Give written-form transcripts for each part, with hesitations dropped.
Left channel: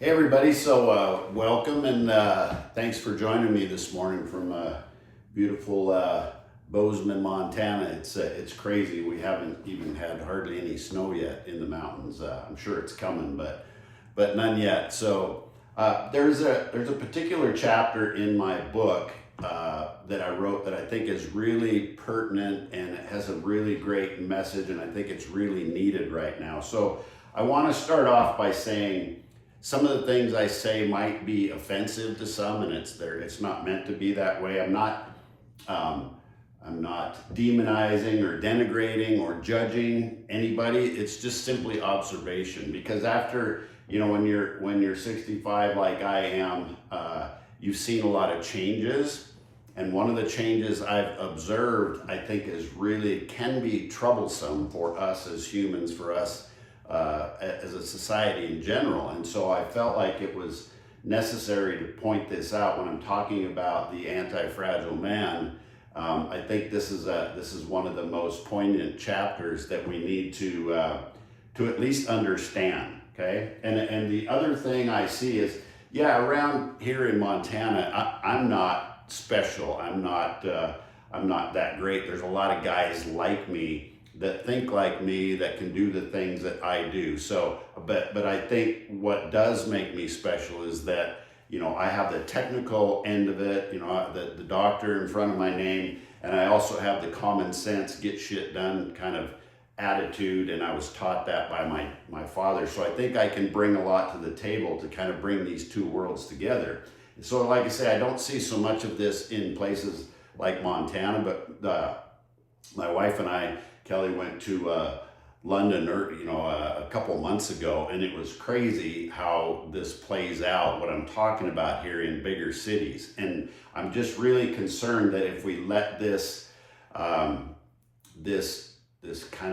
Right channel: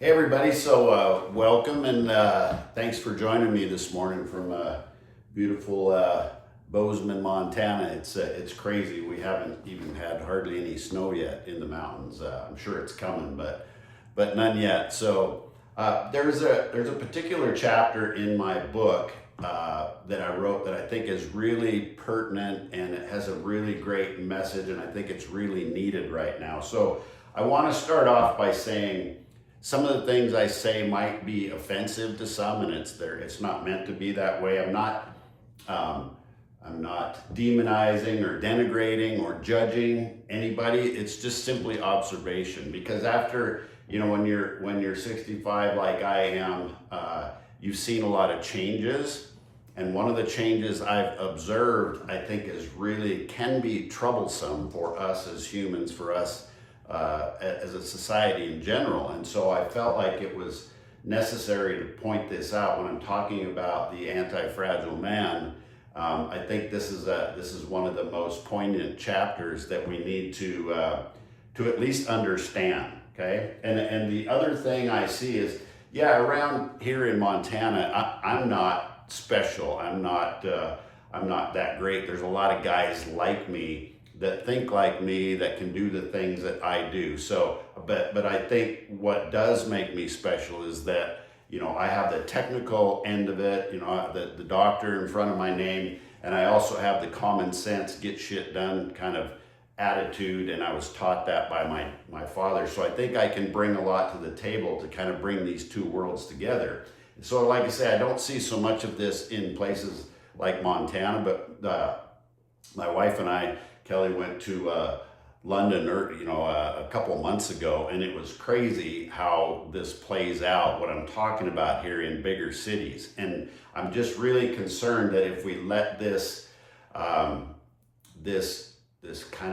Hey everybody, so welcome and thanks for joining me this morning from beautiful Bozeman, Montana. It's crazy. We haven't even had hardly any snow yet in the mountains. I'm sure it's coming, but none yet. So there's a particular chapter in my book that I wrote that I think is really pertinent and it has a really great message, and I think it's really needed right now. So I want to start off by saying some of the things I say might be offensive to some, and it's not meant to be that way. I'm not demonizing or denigrating or judging anybody. It's just simply observation. Because after, when you're 65 like I am, you've seen a lot of changes. And one of the changes I've observed, I think, can be troublesome for us as humans, for us as a society in general. And so I felt like it was necessary to point this out when I'm talking about the anti-fragile man. I think this is one of the most poignant chapters that we need to at least understand. Okay, and the other thing I see is, around here in Montana, I'm not special. I'm not that great. There's a lot of guys like me that think like me, that can do the things that I do. So, but I think what does make me special is that, I have the technical end of it, the doctor in front of my name, and I also have the common sense, get shit done kind of attitude, and I was taught that by my father. So I think I can bring a lot to the table to kind of bring these two worlds together. And so like I say, I don't see so much of this in places like Montana, but my wife and I, Kelly, went to London, a couple months ago, and it was crazy how this plays out, what I'm talking about here in bigger cities. And I'm just really concerned that if we let this kind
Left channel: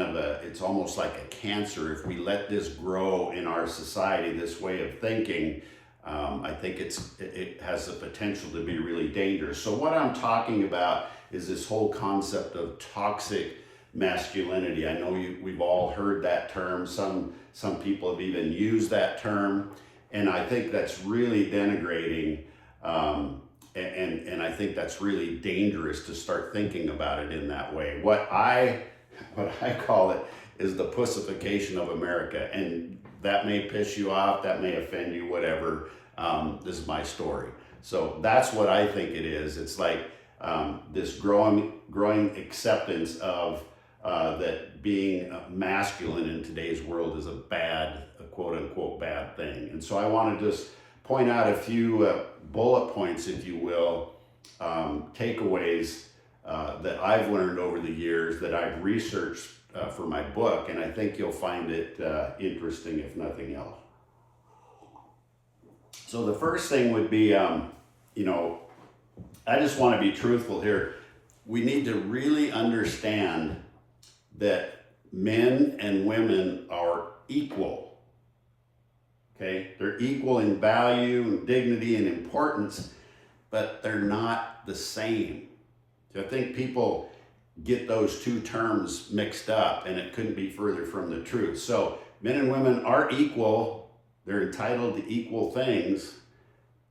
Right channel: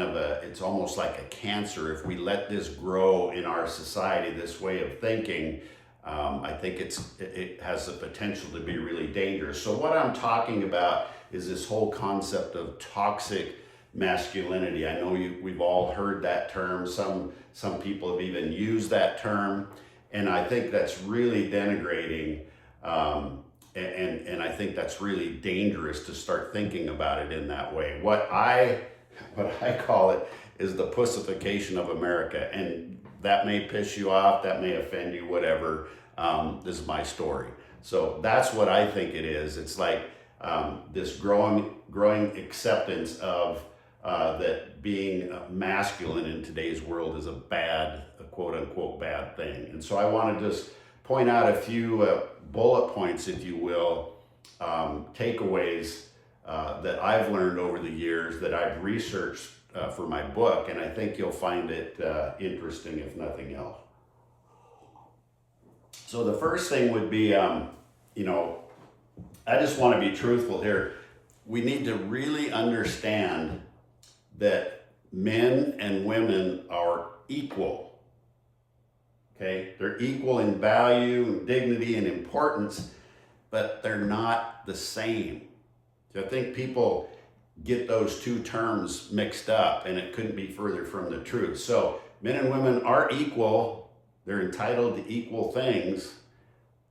of it's almost like a cancer, if we let this grow in our society, this way of thinking, I think it has the potential to be really dangerous. So what I'm talking about is this whole concept of toxic masculinity. I know we've all heard that term. Some people have even used that term, and I think that's really denigrating, and I think that's really dangerous to start thinking about it in that way. What I call it is the pussification of America, and that may piss you off, that may offend you, whatever. This is my story. So that's what I think it is. It's like this growing acceptance of that being masculine in today's world is a quote unquote bad thing. And so I want to just point out a few bullet points, if you will, takeaways that I've learned over the years that I've researched for my book, and I think you'll find it interesting, if nothing else. So the first thing would be, I just want to be truthful here. We need to really understand that men and women are equal. Okay? They're equal in value, dignity, and importance, but they're not the same. So I think people get those two terms mixed up, and it couldn't be further from the truth. So men and women are equal. They're entitled to equal things,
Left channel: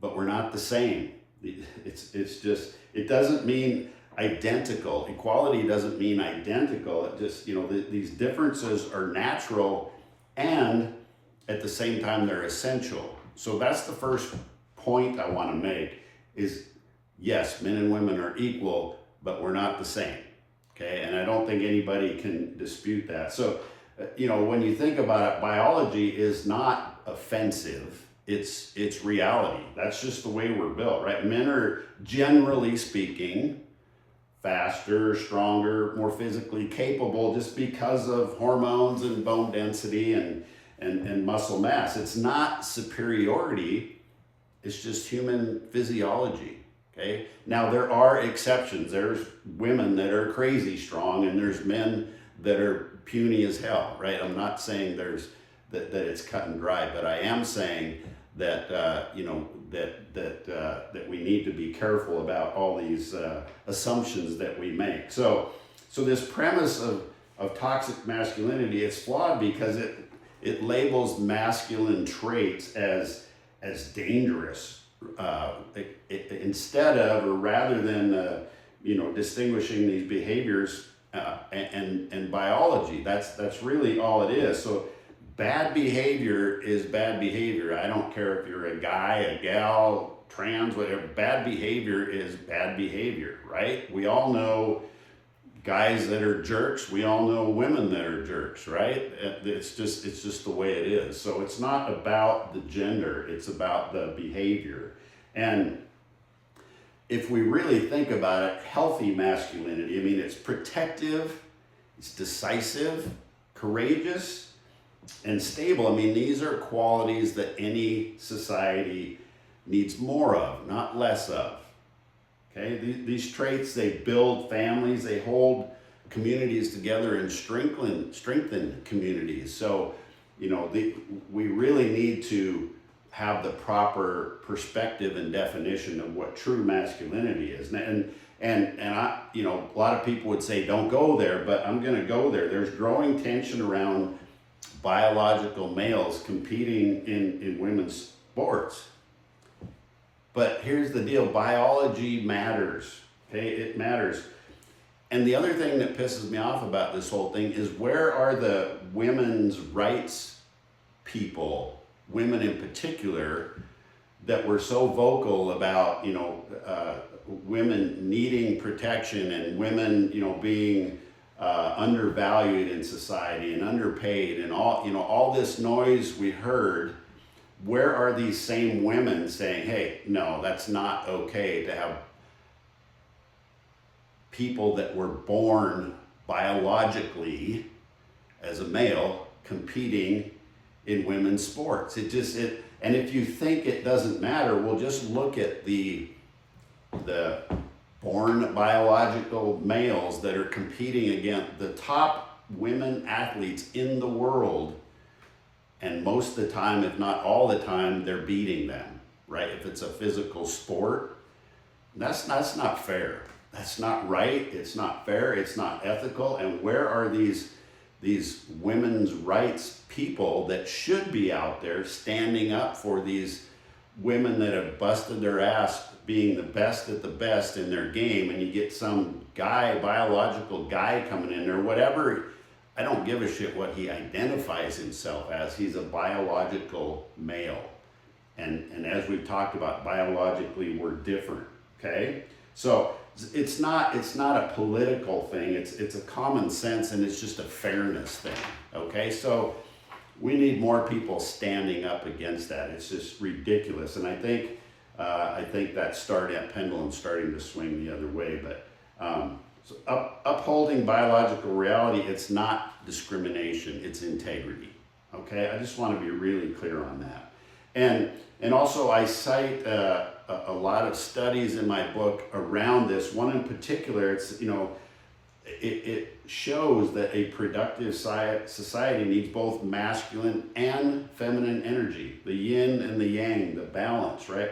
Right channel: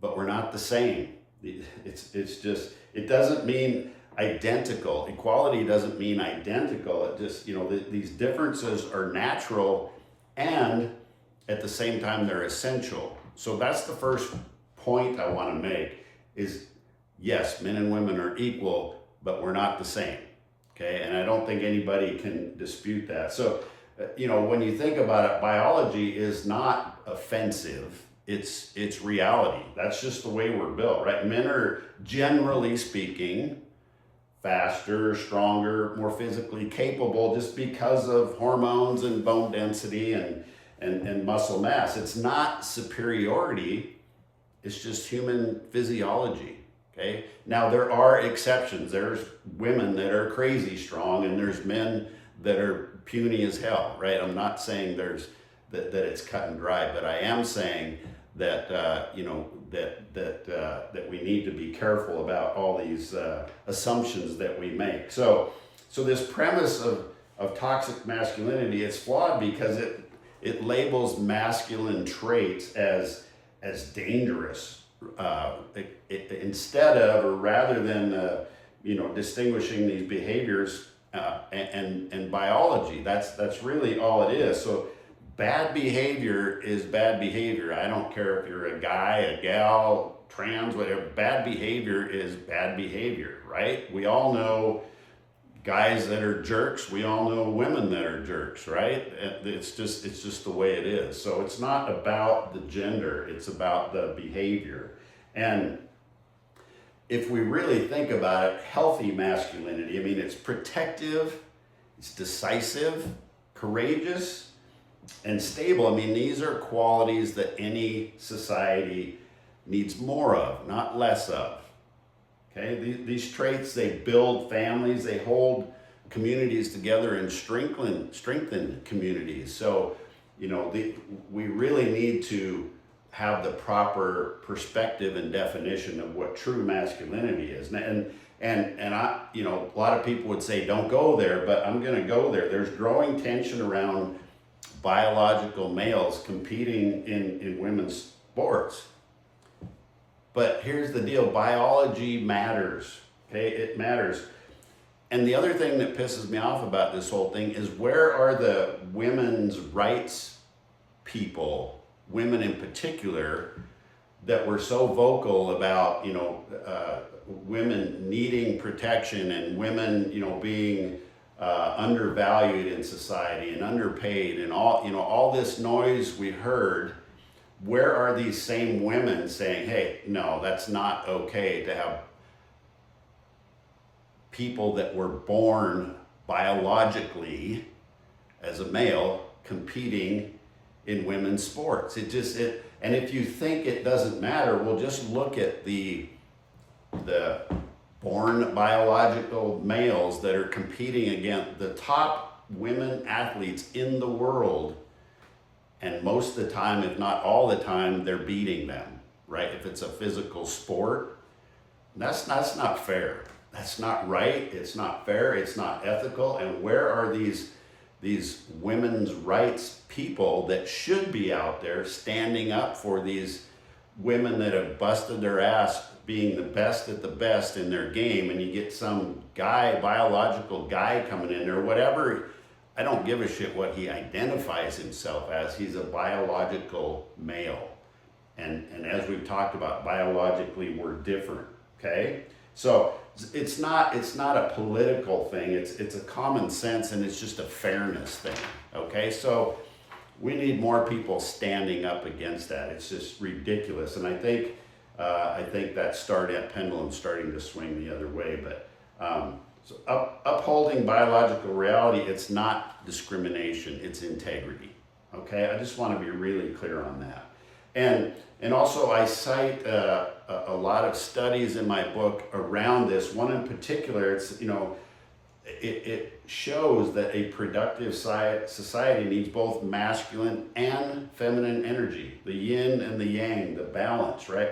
but we're not the same. It's just, it doesn't mean identical. Equality doesn't mean identical. It just, these differences are natural, and at the same time, they're essential. So that's the first point I want to make is, yes, men and women are equal, but we're not the same. Okay. And I don't think anybody can dispute that. So, when you think about it, biology is not offensive. It's reality. That's just the way we're built, right? Men are, generally speaking, faster, stronger, more physically capable just because of hormones and bone density and muscle mass. It's not superiority, it's just human physiology. Okay. Now there are exceptions. There's women that are crazy strong, and there's men that are puny as hell, right? I'm not saying that it's cut and dry, but I am saying that that we need to be careful about all these assumptions that we make. So this premise of toxic masculinity, it's flawed because it labels masculine traits as as dangerous, instead of, or rather than, distinguishing these behaviors and biology. That's really all it is. So bad behavior is bad behavior. I don't care if you're a guy, a gal, trans, whatever. Bad behavior is bad behavior, right? We all know guys that are jerks. We all know women that are jerks, right? It's just the way it is. So it's not about the gender, it's about the behavior. And if we really think about it, healthy masculinity, I mean, it's protective, it's decisive, courageous, and stable. I mean, these are qualities that any society needs more of, not less of. Okay, these traits, they build families, they hold communities together and strengthen communities. So, we really need to have the proper perspective and definition of what true masculinity is. And I, a lot of people would say, don't go there, but I'm going to go there. There's growing tension around biological males competing in women's sports. But here's the deal, biology matters, okay? It matters. And the other thing that pisses me off about this whole thing is, where are the women's rights people, women in particular, that were so vocal about, women needing protection and women, being undervalued in society and underpaid and all this noise we heard. Where are these same women saying, hey, no, that's not okay to have people that were born biologically as a male competing in women's sports? And if you think it doesn't matter, well, just look at the born biological males that are competing against the top women athletes in the world. And most of the time, if not all the time, they're beating them, right? If it's a physical sport, that's not fair. That's not right. It's not fair. It's not ethical. And where are these women's rights people that should be out there standing up for these women that have busted their ass being the best at the best in their game? And you get some guy, biological guy coming in there, whatever. I don't give a shit what he identifies himself as. He's a biological male. And as we've talked about, biologically, we're different, okay? So it's not a political thing. It's a common sense, and it's just a fairness thing, okay? So we need more people standing up against that. It's just ridiculous. And I think that pendulum's starting to swing the other way. But so upholding biological reality, it's not discrimination, it's integrity. Okay, I just want to be really clear on that. And also I cite a lot of studies in my book around this. One in particular, it shows that a productive society needs both masculine and feminine energy, the yin and the yang, the balance, right?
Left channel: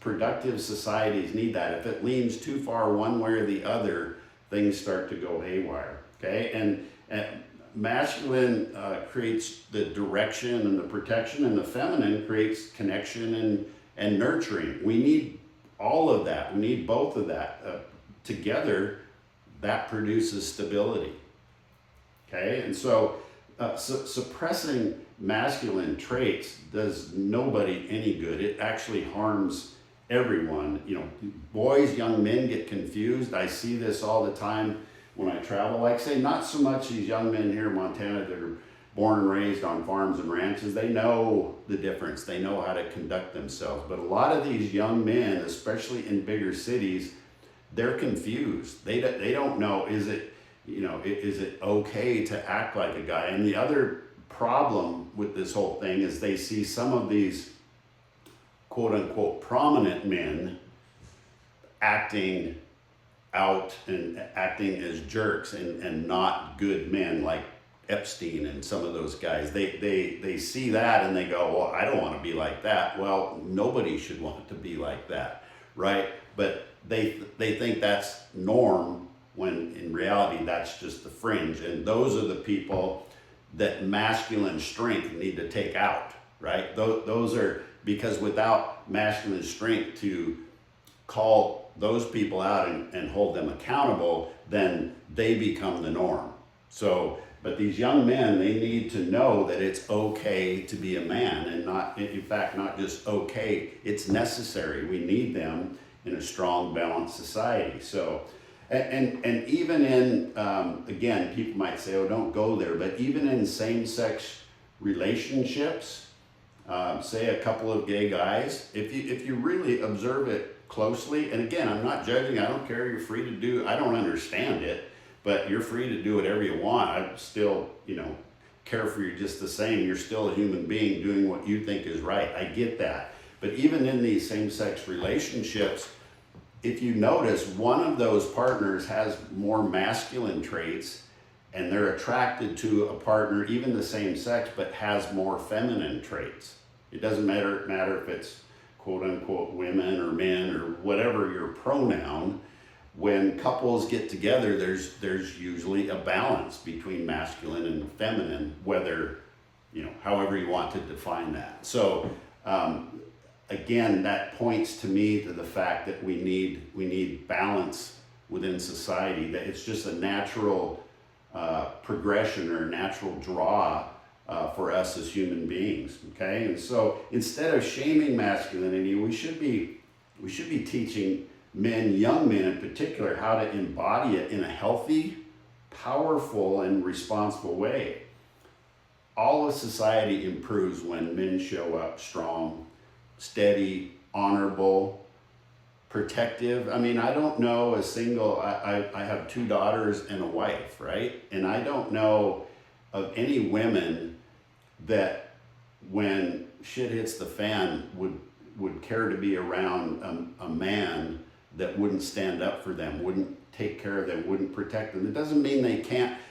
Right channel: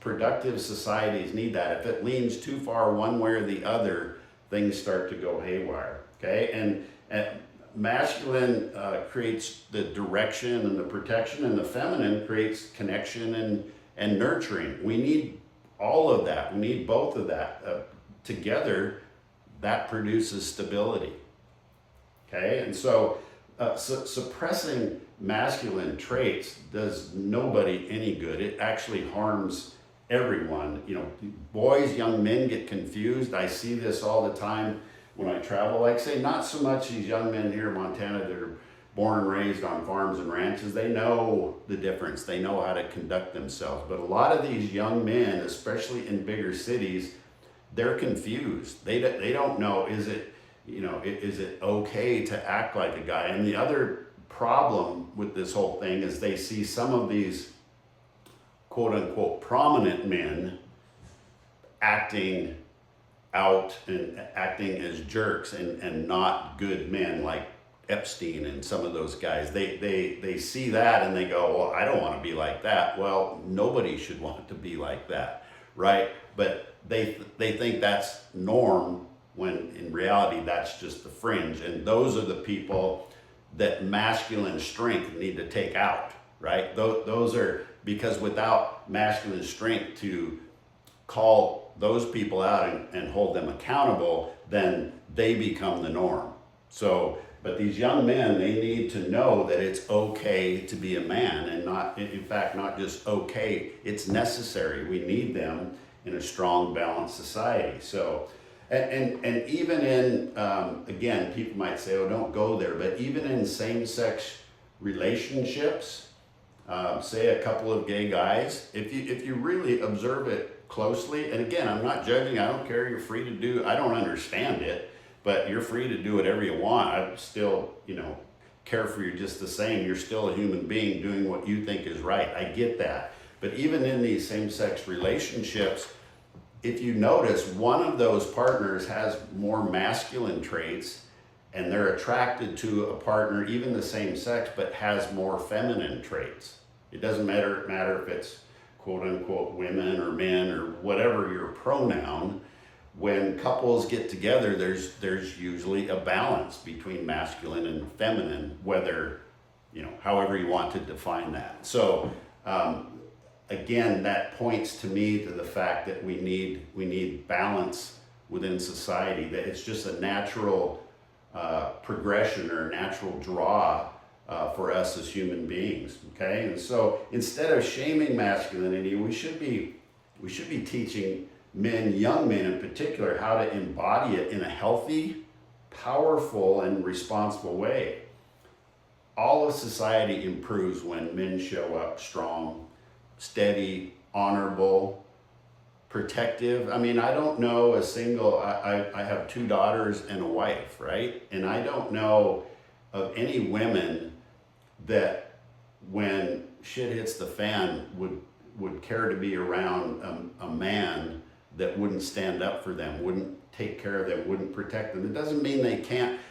Productive societies need that. If it leans too far one way or the other, things start to go haywire, okay? And masculine creates the direction and the protection, and the feminine creates connection and nurturing. We need all of that. We need both of that. Together, that produces stability, okay? And so suppressing masculine traits does nobody any good. It actually harms everyone. Boys, young men get confused. I see this all the time when I travel. Like, say, not so much these young men here in Montana that are born and raised on farms and ranches. They know the difference. They know how to conduct themselves. But a lot of these young men, especially in bigger cities, they're confused. They don't know, is it okay to act like a guy? And the other problem with this whole thing is they see some of these quote unquote prominent men acting out and acting as jerks and not good men, like Epstein and some of those guys. They see that and they go, well, I don't want to be like that. Well, nobody should want to be like that, right? But they think that's norm, when in reality that's just the fringe. And those are the people that masculine strength need to take out, right? Those are, because without masculine strength to call those people out and hold them accountable, then they become the norm. So, but these young men, they need to know that it's okay to be a man, and not, in fact, not just okay, it's necessary. We need them in a strong, balanced society. So, and even in, again, people might say, oh, don't go there, but even in same-sex relationships, say a couple of gay guys, if you really observe it closely, and again, I'm not judging, I don't care, you're free to do, I don't understand it, but you're free to do whatever you want. I still, care for you just the same. You're still a human being doing what you think is right. I get that. But even in these same-sex relationships, if you notice, one of those partners has more masculine traits, and they're attracted to a partner, even the same sex, but has more feminine traits. It doesn't matter if it's quote unquote women or men or whatever your pronoun. When couples get together, there's usually a balance between masculine and feminine, whether, however you want to define that. So again, that points to me to the fact that we need balance within society, that it's just a natural progression or natural draw for us as human beings. Okay, and so instead of shaming masculinity, we should be teaching men, young men in particular, how to embody it in a healthy, powerful, and responsible way. All of society improves when men show up strong, steady, honorable, protective. I mean, I don't know a single, I have 2 daughters and a wife, right? And I don't know of any women that when shit hits the fan would care to be around a man that wouldn't stand up for them, wouldn't take care of them, wouldn't protect them. It doesn't mean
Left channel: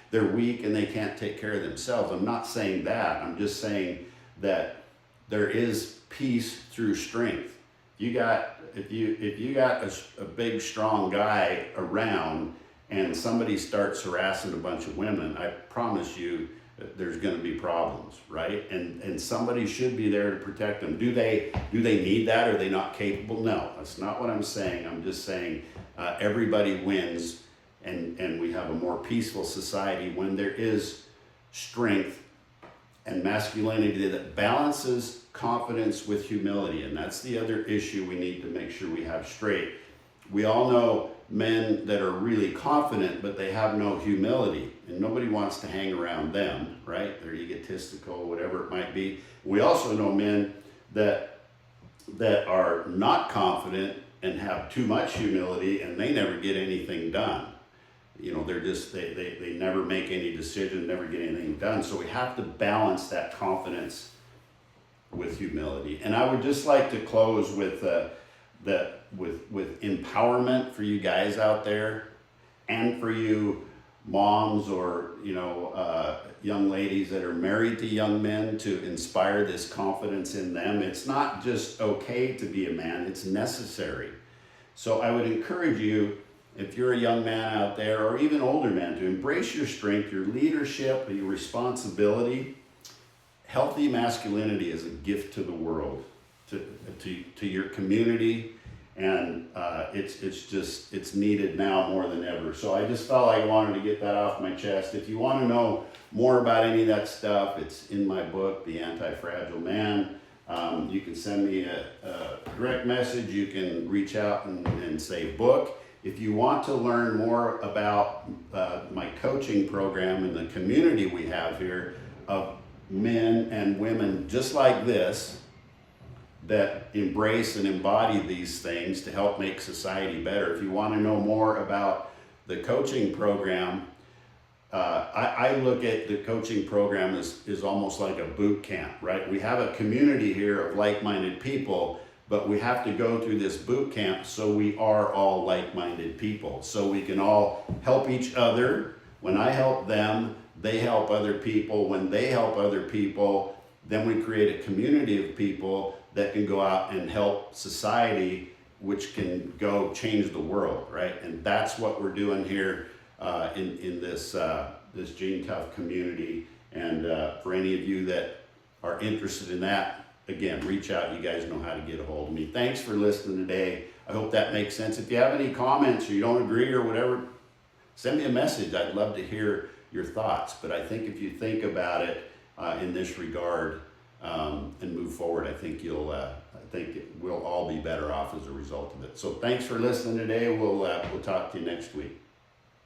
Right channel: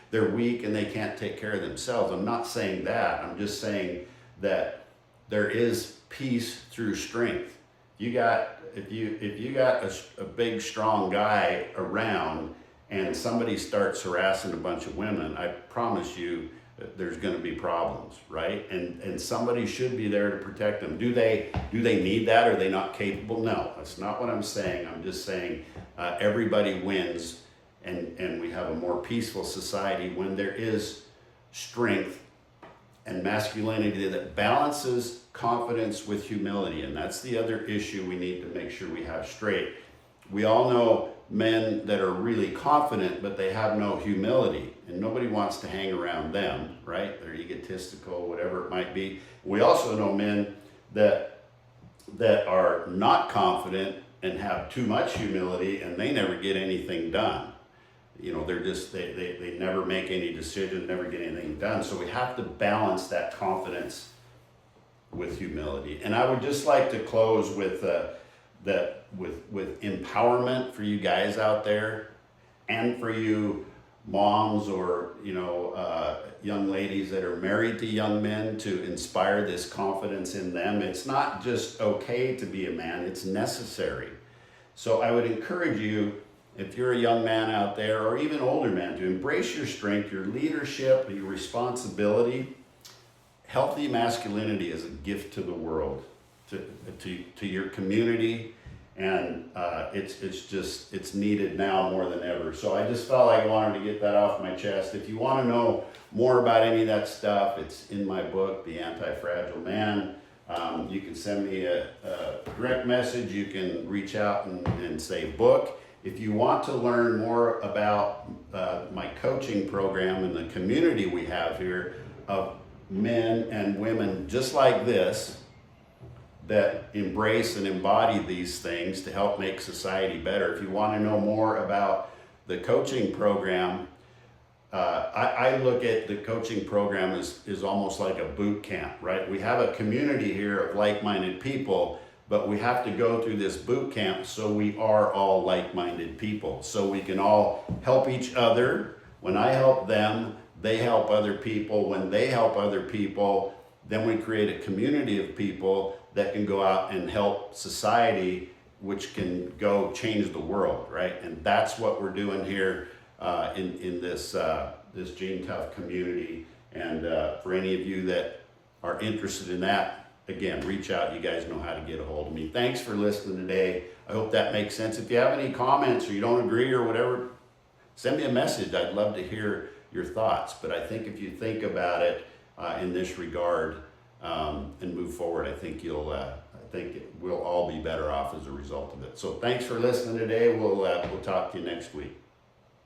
they're weak and they can't take care of themselves. I'm not saying that. I'm just saying that there is peace through strength. If you got a big, strong guy around and somebody starts harassing a bunch of women, I promise you that there's going to be problems, right? And somebody should be there to protect them. Do they need that? Are they not capable? No, that's not what I'm saying. I'm just saying everybody wins, and we have a more peaceful society when there is strength and masculinity that balances confidence with humility. And that's the other issue we need to make sure we have straight. We all know men that are really confident, but they have no humility, and nobody wants to hang around them, right? They're egotistical, whatever it might be. We also know men that are not confident and have too much humility, and they never get anything done. They're just, they never make any decision, never get anything done. So we have to balance that confidence with humility. And I would just like to close with with empowerment for you guys out there, and for you moms or young ladies that are married to young men, to inspire this confidence in them. It's not just okay to be a man, it's necessary. So I would encourage you, if you're a young man out there, or even older man, to embrace your strength, your leadership, your responsibility. Healthy masculinity is a gift to the world, to your community, and it's needed now more than ever. So I just felt like I wanted to get that off my chest. If you want to know more about any of that stuff, it's in my book, The Antifragile Man. You can send me a direct message. You can reach out and say book. If you want to learn more about my coaching program and the community we have here of men and women just like this, that embrace and embody these things to help make society better. If you want to know more about the coaching program, I look at the coaching program as almost like a boot camp, right? We have a community here of like-minded people, but we have to go through this boot camp so we are all like-minded people, so we can all help each other. When I help them, they help other people. When they help other people, then we create a community of people that can go out and help society, which can go change the world, right? And that's what we're doing here in this Gene Tough community. And for any of you that are interested in that, again, reach out. You guys know how to get a hold of me. Thanks for listening today. I hope that makes sense. If you have any comments or you don't agree or whatever, send me a message. I'd love to hear your thoughts. But I think if you think about it in this regard and move forward, I think we'll all be better off as a result of it. So thanks for listening today. We'll talk to you next week.